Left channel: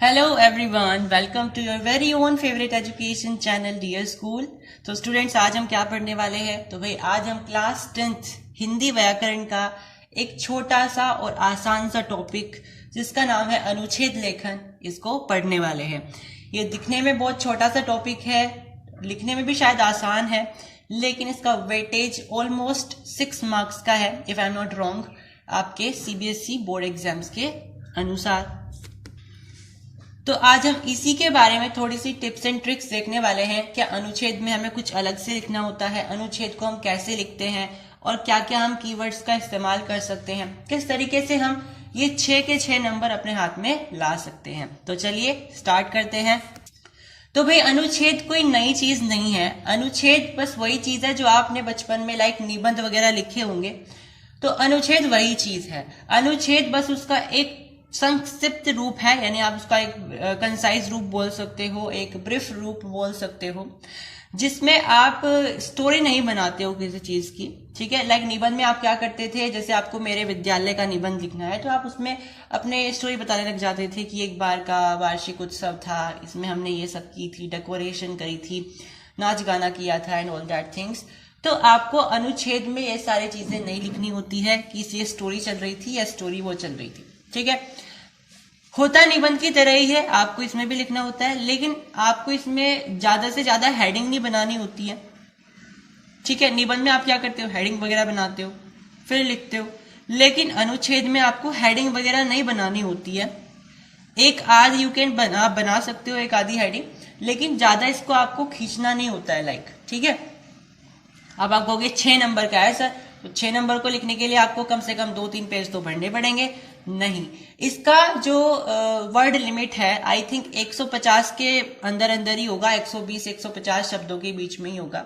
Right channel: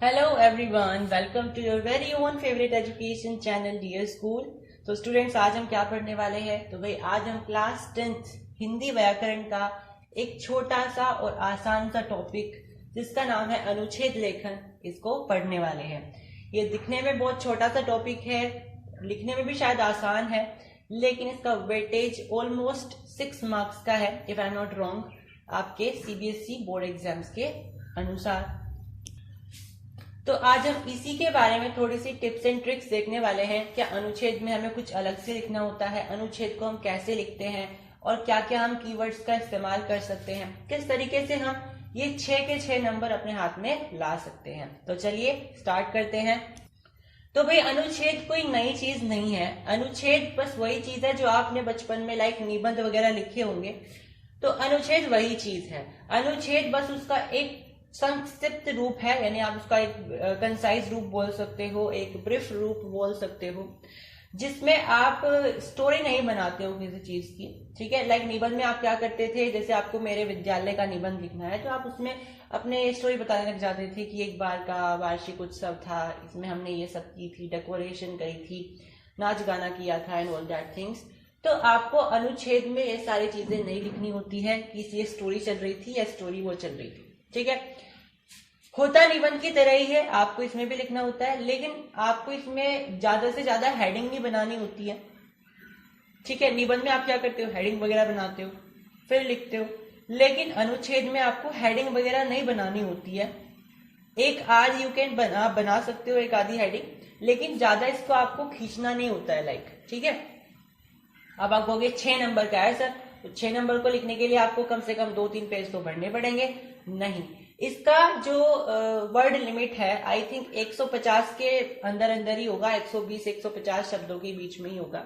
Hello everyone, welcome to your very own favourite education channel dear school. तो students, आज हम क्या पढ़ने वाले हैं? तो भाई आज हम क्लास 10th हिंदी व्याकरण का एक छोटा सा और आसान सा टॉपिक जिसका नाम है अनुच्छेद लेखन, इसको पढ़ने वाले हैं। ये दिखने में बहुत छोटा सा टॉपिक है, लिखने में भी शायद आसान है, लेकिन इसका वेटेज ऑलमोस्ट 6 मार्क्स का है if I am not wrong, आपके सीबीएसई बोर्ड एग्जाम्स के अनुसार। तो आज हम इसी के बारे में थोड़ी सी टिप्स एंड ट्रिक्स देखने वाले हैं। क्या अनुच्छेद में हमें कुछ अलग से लिखना होता है, अनुच्छेद को हम कैसे लिखते हैं और क्या क्या हम कीवर्ड्स का इस्तेमाल कर सकते हैं, किस तरीके से हम ये 6 के 6 नंबर अपने हाथ में ला सकते हैं। तो चलिए स्टार्ट करते हैं। तो भाई अनुच्छेद कोई नई चीज नहीं है। अनुच्छेद बस वही चीज है जो आपने बचपन में लाइक निबंध वगैरह लिखे होंगे, तो अनुच्छेद वही चीज है। अनुच्छेद बस उसका एक संक्षिप्त रूप है, यानी आप उसका एक कंसाइज रूप बोल सकते हो, एक ब्रीफ रूप बोल सकते हो, जिसमें आप स्टोरी नहीं बनाते हो किसी चीज की। ठीक है, लाइक निबंध में आप क्या करते थे, जैसे आपको मेरे विद्यालय का निबंध लिखना है तो आप उसमें अपने स्टोरी बताने लग जाते थे कि एक बार का वार्षिक उत्सव था, इसमें हमने ये सब की थी, डेकोरेशन करी थी, नाच गाना किया था एंड ऑल दैट थिंग्स। तो आपको अनुच्छेद में ये सारी चीजें नहीं लिखनी होती है कि ये स्टोरी चल रही थी या स्टोरी वो चल रही थी। ठीक है, होता निबंध की तरह ही है, आपको इसमें भी लिखना होता है, लेकिन आपको इसमें ज्यादा से ज्यादा हेडिंग नहीं बनानी होती है। ठीक है, निबंध में आप क्या करते हो, हेडिंग वगैरह बनाते हो फिर लिखते हो, लेकिन अनुच्छेद में आपको हेडिंग वगैरह नहीं बनानी होती है। एक आध यू कैन बना सकते हो, एक आधी हेडिंग, लेकिन ज्यादा इसको आपको खींचना नहीं होता है लाइक। ठीक है, अब आप कहोगे 6 नंबर का है सर, तो 6 नंबर को लिखने के लिए आपको कम से कम 2-3 पेज तो भरने पड़ेंगे। नहीं, इसका जो वर्ड लिमिट है आई थिंक 150 के अंदर अंदर ही होगा, 120-150 शब्दों के बीच में ही होगा।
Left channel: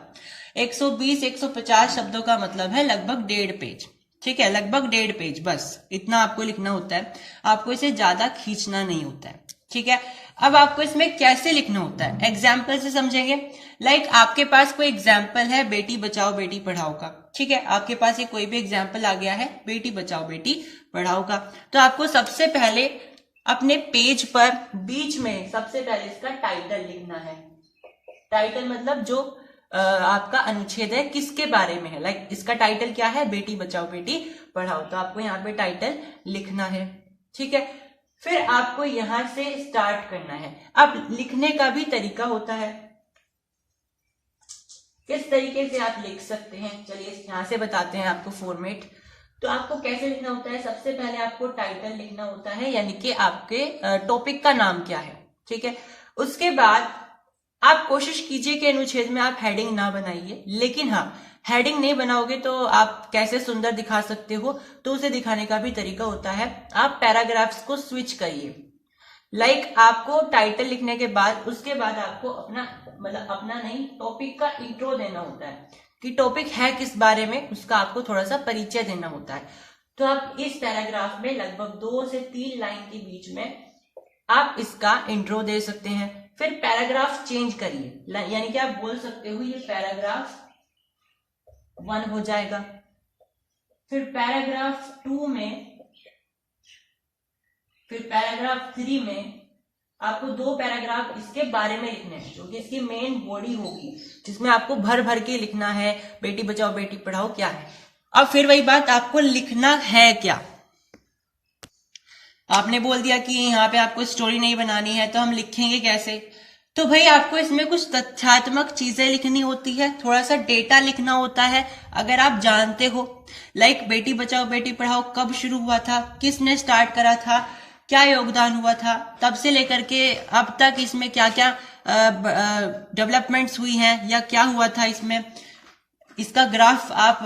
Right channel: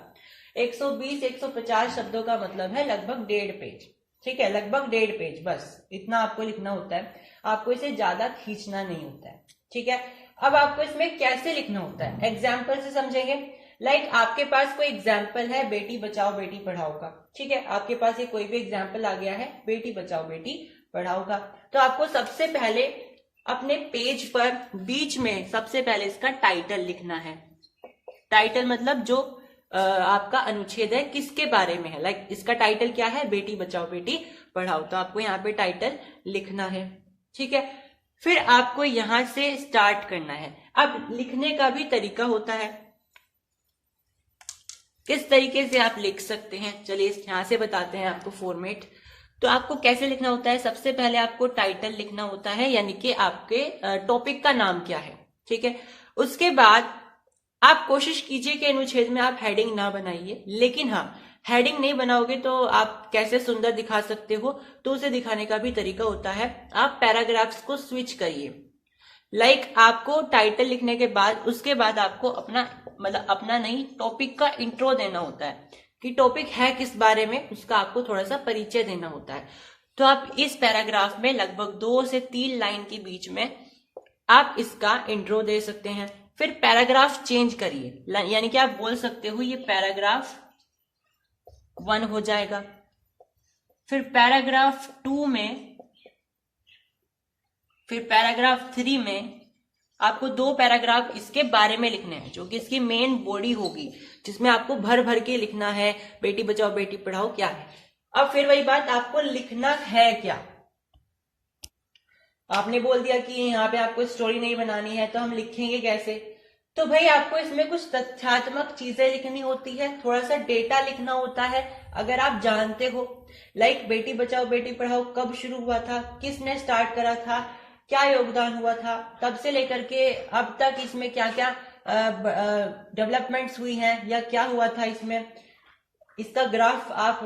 120-150 शब्दों का मतलब है लगभग 1.5 पेज। ठीक है, लगभग 1.5 पेज, बस इतना आपको लिखना होता है, आपको इसे ज्यादा खींचना नहीं होता है। ठीक है, अब आपको इसमें कैसे लिखना होता है, एग्जाम्पल से समझेंगे। लाइक आपके पास कोई एग्जाम्पल है बेटी बचाओ बेटी पढ़ाओ का। ठीक है, आपके पास ये कोई भी एग्जाम्पल आ गया है बेटी बचाओ बेटी पढ़ाओ का, तो आपको सबसे पहले अपने पेज पर बीच में सबसे पहले इसका टाइटल लिखना है। टाइटल मतलब जो आपका अनुच्छेद है किसके बारे में है, लाइक इसका टाइटल क्या है, बेटी बचाओ बेटी पढ़ाओ, तो आपको यहाँ पे टाइटल लिखना है। ठीक है, फिर आपको यहां से स्टार्ट करना है। अब लिखने का भी तरीका होता है, किस तरीके से आप लिख सकते हैं, चलिए यहां से बताते हैं आपको फॉर्मेट। तो आपको कैसे लिखना होता है, सबसे पहले आपको टाइटल लिखना होता है, यानी कि आपके टॉपिक का नाम क्या है। ठीक है, उसके बाद आप कोशिश कीजिए कि अनुच्छेद में आप हेडिंग ना बनाइए, लेकिन हाँ, हेडिंग नहीं बनाओगे तो आप कैसे सुंदर दिखा सकते हो, तो उसे दिखाने का भी तरीका होता है, आप पैराग्राफ्स को स्विच करिए। लाइक आपको टाइटल लिखने के बाद उसके बाद आपको अपना मतलब अपना नहीं, टॉपिक का इंट्रो देना होता है कि टॉपिक है किस बारे में, उसका आपको थोड़ा सा परिचय देना होता है। तो आप इस पैराग्राफ में लगभग 2 से 3 लाइन के बीच में आप इसका इंट्रो दे सकते हैं। फिर पैराग्राफ चेंज करिए, यानी कि आप बोल सकते हो ये पैराग्राफ 1 हो जाएगा। फिर पैराग्राफ 2 में, फिर पैराग्राफ 3 में आपको 2 पैराग्राफ इसके बारे में लिखने हैं, जो कि इसकी मेन बॉडी होगी, जिसमें आपको भर भर के लिखना है बेटी बचाओ बेटी पढ़ाओ क्या है। अब फिर वही बात, आपको लिखना है क्या। आपने बोल दिया कि यहाँ पे आपको स्टोरी नहीं बनानी है, तो हम लिखेंगे कैसे? तो भाई आपको इसमें कुछ तथ्यात्मक चीजें लिखनी होती है, थोड़ा सा डेटा लिखना होता है। अगर आप जानते हो लाइक बेटी बचाओ बेटी पढ़ाओ कब शुरू हुआ था, किसने स्टार्ट करा था, क्या योगदान हुआ था, तब से लेकर के अब तक इसमें क्या क्या डेवलपमेंट्स हुई हैं या क्या हुआ था इसमें, इसका ग्राफ आप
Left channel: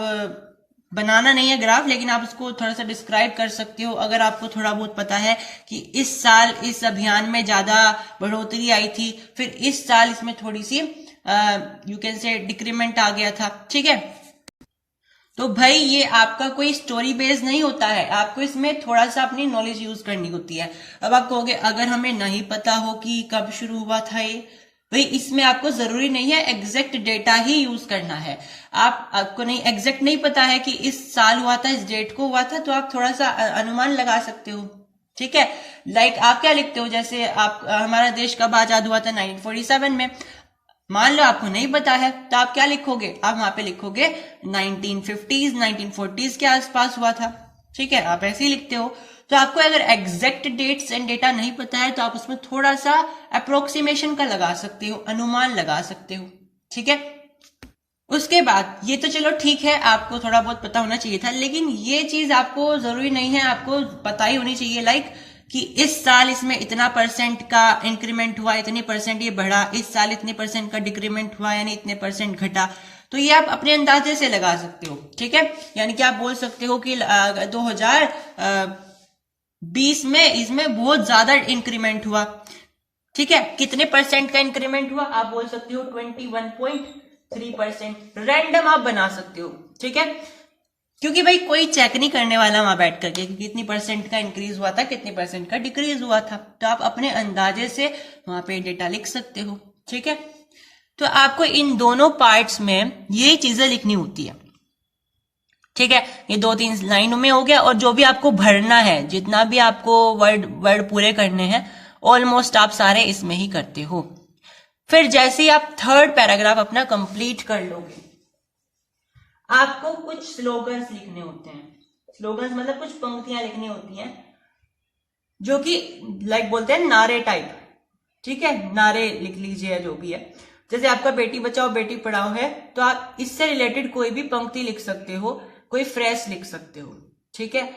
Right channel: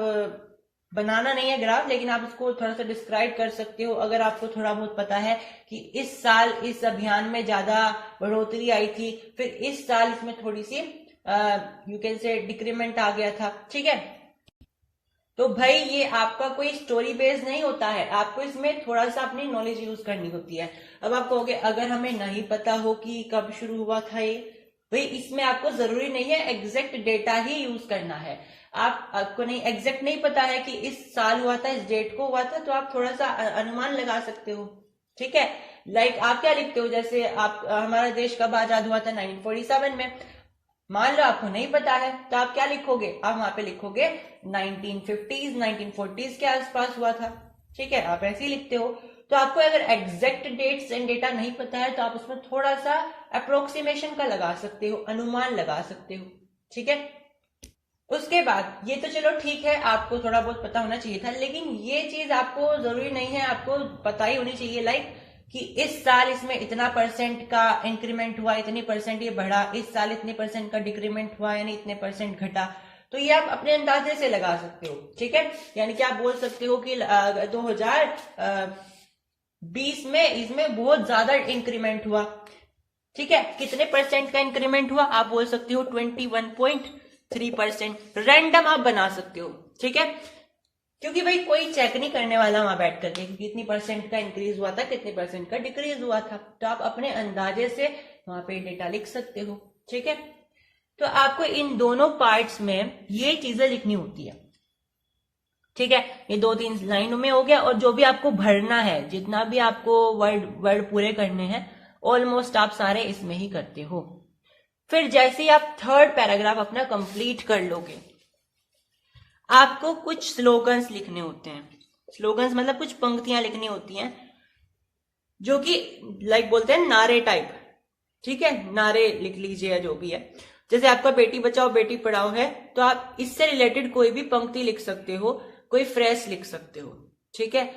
बनाना नहीं है ग्राफ, लेकिन आप उसको थोड़ा सा डिस्क्राइब कर सकते हो। अगर आपको थोड़ा बहुत पता है कि इस साल इस अभियान में ज्यादा बढ़ोतरी आई थी, फिर इस साल इसमें थोड़ी सी यू कैन से डिक्रीमेंट आ गया था। ठीक है, तो भाई ये आपका कोई स्टोरी बेस्ड नहीं होता है, आपको इसमें थोड़ा सा अपनी नॉलेज यूज करनी होती है। अब आप कहोगे अगर हमें नहीं पता हो कि कब शुरू हुआ था ये, भाई इसमें आपको जरूरी नहीं है एग्जैक्ट डेटा ही यूज करना है। आपको नहीं एग्जैक्ट नहीं पता है कि इस साल हुआ था, इस डेट को हुआ था, तो आप थोड़ा सा अनुमान लगा सकते हो। ठीक है। लाइक आप क्या लिखते हो, जैसे आप हमारा देश कब आजाद हुआ था 1947 में, मान लो आपको नहीं पता है तो आप क्या लिखोगे, आप वहां पे लिखोगे 1950s 1940s के आसपास हुआ था, ठीक है, आप ऐसे ही लिखते हो। तो आपको अगर एग्जैक्ट डेट्स एंड डेटा नहीं पता है तो आप उसमें थोड़ा सा अप्रोक्सीमेशन का लगा सकते हो, अनुमान लगा सकते हो, ठीक है। उसके बाद ये तो चलो ठीक है, आपको थोड़ा बहुत पता होना चाहिए था, लेकिन ये चीज आपको जरूरी नहीं है, आपको पता ही होनी चाहिए लाइक कि इस साल इसमें इतना परसेंट का इंक्रीमेंट हुआ, इतनी परसेंट ये बढ़ा, इस साल इतने परसेंट का डिक्रीमेंट हुआ यानी इतने परसेंट घटा। तो ये आप अपने अंदाजे से लगा सकते हो, ठीक है। यानी कि आप बोल सकते हो कि 2020 में इसमें बहुत ज्यादा इंक्रीमेंट हुआ, ठीक है। कितने परसेंट का इंक्रीमेंट हुआ आप बोल सकते हो 21.3%। रैंडम आप बना सकते हो, ठीक है, क्योंकि भाई कोई चेक नहीं करने वाला वहां बैठ करके कि कितनी परसेंट का इंक्रीज हुआ था, कितनी परसेंट का डिक्रीज हुआ था। तो आप अपने अंदाजे से वहां पे डेटा लिख सकते हो, ठीक है। तो आपको इन दोनों पार्ट्स में यही चीजें लिखनी होती है, ठीक है। ये 2-3 लाइनों में हो गया, और जो भी आपको भरना है, जितना भी आपको वर्ड पूरे करने हैं, ऑलमोस्ट आप सारे इसमें ही करते हो। फिर जैसे ही आप थर्ड पैराग्राफ अपना कंप्लीट कर लोगे, आपको कुछ स्लोगन्स लिखने होते हैं। स्लोगन्स मतलब कुछ पंक्तियां लिखनी होती हैं जो कि लाइक बोलते हैं नारे टाइप, ठीक है, नारे लिख लीजिए जो भी है। जैसे आपका बेटी बचाओ बेटी पढ़ाओ है तो आप इससे रिलेटेड कोई भी पंक्ति लिख सकते हो, कोई फ्रेज लिख सकते हो, ठीक है,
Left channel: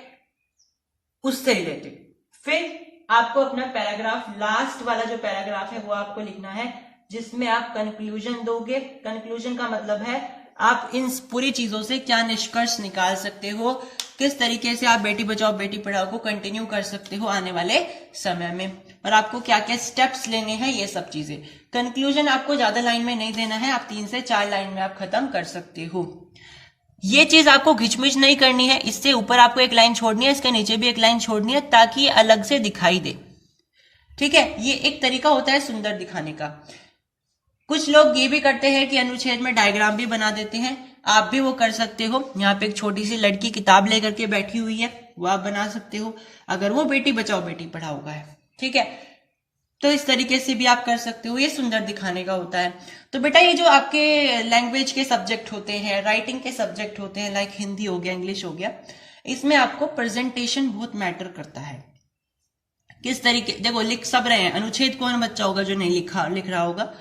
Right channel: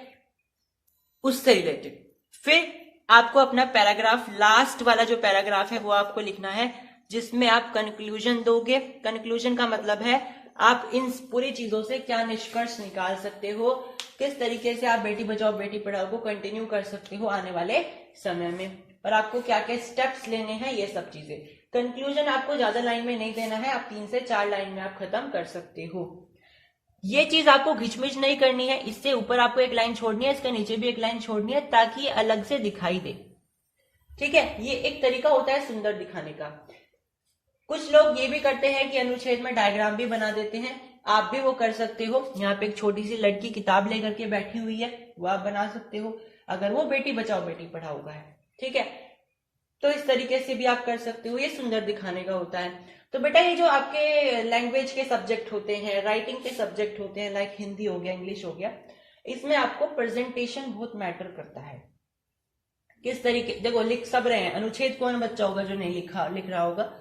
उससे रिलेटेड। फिर आपको अपना पैराग्राफ, लास्ट वाला जो पैराग्राफ है वो आपको लिखना है, जिसमें आप कंक्लूजन दोगे। कंक्लूजन का मतलब है आप इन पूरी चीजों से क्या निष्कर्ष निकाल सकते हो, किस तरीके से आप बेटी बचाओ बेटी पढ़ाओ को कंटिन्यू कर सकते हो आने वाले समय में, और आपको क्या क्या स्टेप्स लेने हैं, ये सब चीजें। कंक्लूजन आपको ज्यादा लाइन में नहीं देना है, आप 3 से 4 लाइन में आप खत्म कर सकते हो। ये चीज आपको घिचमिच नहीं करनी है, इससे ऊपर आपको एक लाइन छोड़नी है, इसके नीचे भी एक लाइन छोड़नी है, ताकि ये अलग से दिखाई दे, ठीक है। ये एक तरीका होता है सुंदर दिखाने का। कुछ लोग ये भी करते हैं कि अनुच्छेद में डायग्राम भी बना देते हैं, आप भी वो कर सकते हो। यहाँ पे एक छोटी सी लड़की किताब लेकर के बैठी हुई है, वो आप बना सकते हो, अगर वो बेटी बचाओ बेटी पढ़ाओ का है, ठीक है। तो इस तरीके से भी आप कर सकते हो, ये सुंदर दिखाने का होता है। तो बेटा ये जो आपके लैंग्वेज के सब्जेक्ट होते हैं, राइटिंग के सब्जेक्ट होते हैं, लाइक हिंदी हो गया, इंग्लिश हो गया, इसमें आपको प्रेजेंटेशन बहुत मैटर करता है। किस तरीके, देखो लिख सब रहे हैं, अनुच्छेद कौन बच्चा होगा जो नहीं लिख रहा होगा,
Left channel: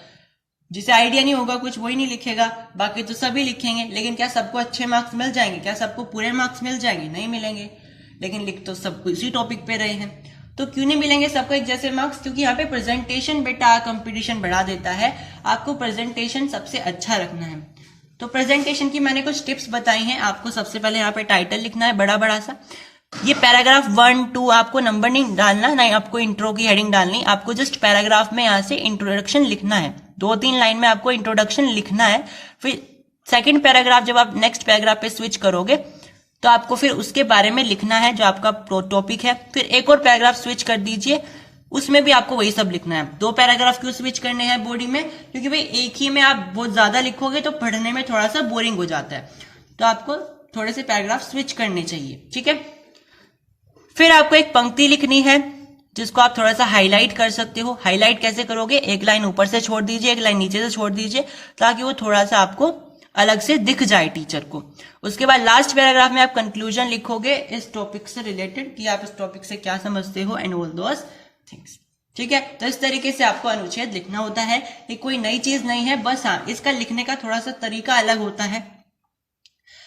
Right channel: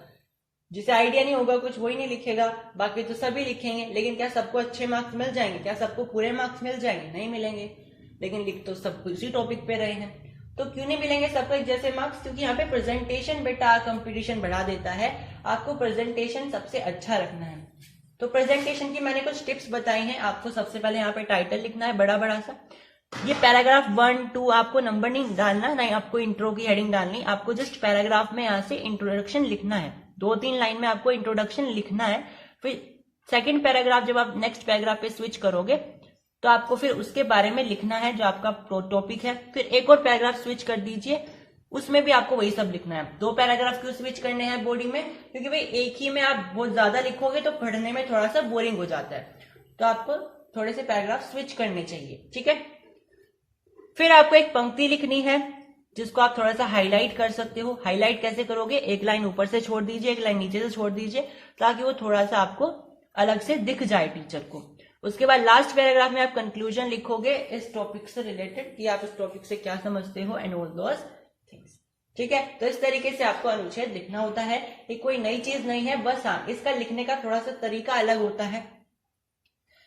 जिसे आइडिया नहीं होगा कुछ, वही नहीं लिखेगा, बाकी तो सभी लिखेंगे। लेकिन क्या सबको अच्छे मार्क्स मिल जाएंगे, क्या सबको पूरे मार्क्स मिल जाएंगे, नहीं मिलेंगे। लेकिन लिख तो सब इसी टॉपिक पे रहे हैं, तो क्यों नहीं मिलेंगे सबको एक जैसे मार्क्स, क्योंकि यहाँ पे प्रेजेंटेशन बेटा कंपटीशन बढ़ा देता है। आपको प्रेजेंटेशन सबसे अच्छा रखना है। तो प्रेजेंटेशन की मैंने कुछ टिप्स बताई हैं। आपको सबसे पहले यहाँ पे टाइटल लिखना है बड़ा बड़ा सा। ये पैराग्राफ 1, 2 आपको नंबर नहीं डालना, नहीं आपको इंट्रो की हेडिंग डालनी, आपको जस्ट पैराग्राफ में यहाँ से इंट्रोडक्शन लिखना है, 2-3 लाइन में आपको इंट्रोडक्शन लिखना है। फिर सेकंड पैराग्राफ जब आप नेक्स्ट पैराग्राफ पे स्विच करोगे तो आपको फिर उसके बारे में लिखना है जो आपका टॉपिक है। फिर एक और पैराग्राफ स्विच कर दीजिए, उसमें भी आपको वही सब लिखना है। 2 पैराग्राफ क्यों स्विच करने हैं बॉडी में, क्योंकि भाई एक ही में आप बहुत ज्यादा लिखोगे तो पढ़ने में थोड़ा सा बोरिंग हो जाता है, तो आपको थोड़े से पैराग्राफ स्विच करने चाहिए, ठीक है। फिर आपको एक पंक्ति लिखनी है जिसको आप थोड़ा सा हाईलाइट कर सकते हो। हाईलाइट कैसे करोगे, एक लाइन ऊपर से छोड़ दीजिए, एक लाइन नीचे से छोड़ दीजिए, ताकि वो थोड़ा सा आपको अलग से दिख जाए टीचर को। उसके बाद लास्ट पैराग्राफ में आप कंक्लूजन लिखोगे इस टॉपिक से रिलेटेड, कि आप इस टॉपिक से क्या समझते हो एंड ऑल दोस थिंग्स, ठीक है। तो इस तरीके से आपको अनुच्छेद लिखना होता है। ये कोई नई चीज नहीं है, बस हाँ इसका लिखने का थोड़ा सा तरीका अलग होता है।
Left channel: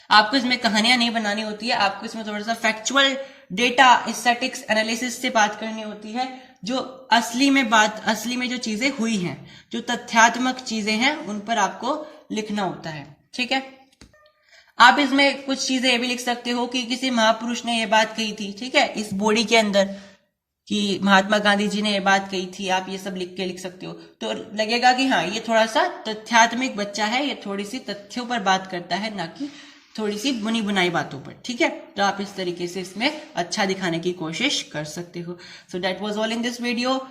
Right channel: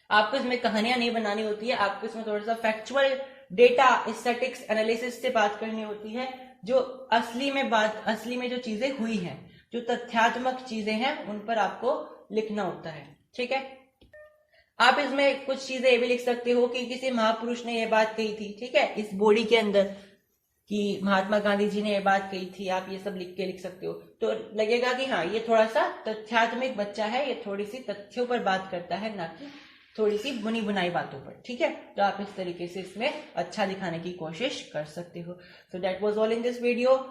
आपको इसमें कहानियां नहीं बनानी होती है, आपको इसमें थोड़ा सा फैक्चुअल डेटा स्टैटिक्स एनालिसिस से बात करनी होती है, जो असली में जो चीजें हुई हैं, जो तथ्यात्मक चीजें हैं, उन पर आपको लिखना होता है, ठीक है। आप इसमें कुछ चीजें ये भी लिख सकते हो कि किसी महापुरुष ने ये बात कही थी, ठीक है, इस बॉडी के अंदर, कि महात्मा गांधी जी ने ये बात कही थी, आप ये सब लिख के लिख सकते हो। तो लगेगा कि हाँ ये थोड़ा सा तथ्यात्मक बच्चा है, ये थोड़ी सी तथ्यों पर बात करता है, ना कि थोड़ी सी बुनी बुनाई बातों पर, ठीक है। तो आप इस तरीके से इसमें अच्छा दिखाने की कोशिश कर सकते हो। So that was all in this video.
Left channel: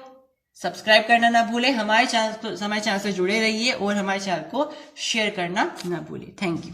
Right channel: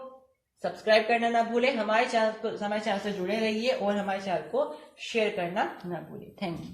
Subscribe करना ना भूले, हमारे चैनल से जुड़े रहिए और हमारे चैनल को शेयर करना ना भूले। Thank you.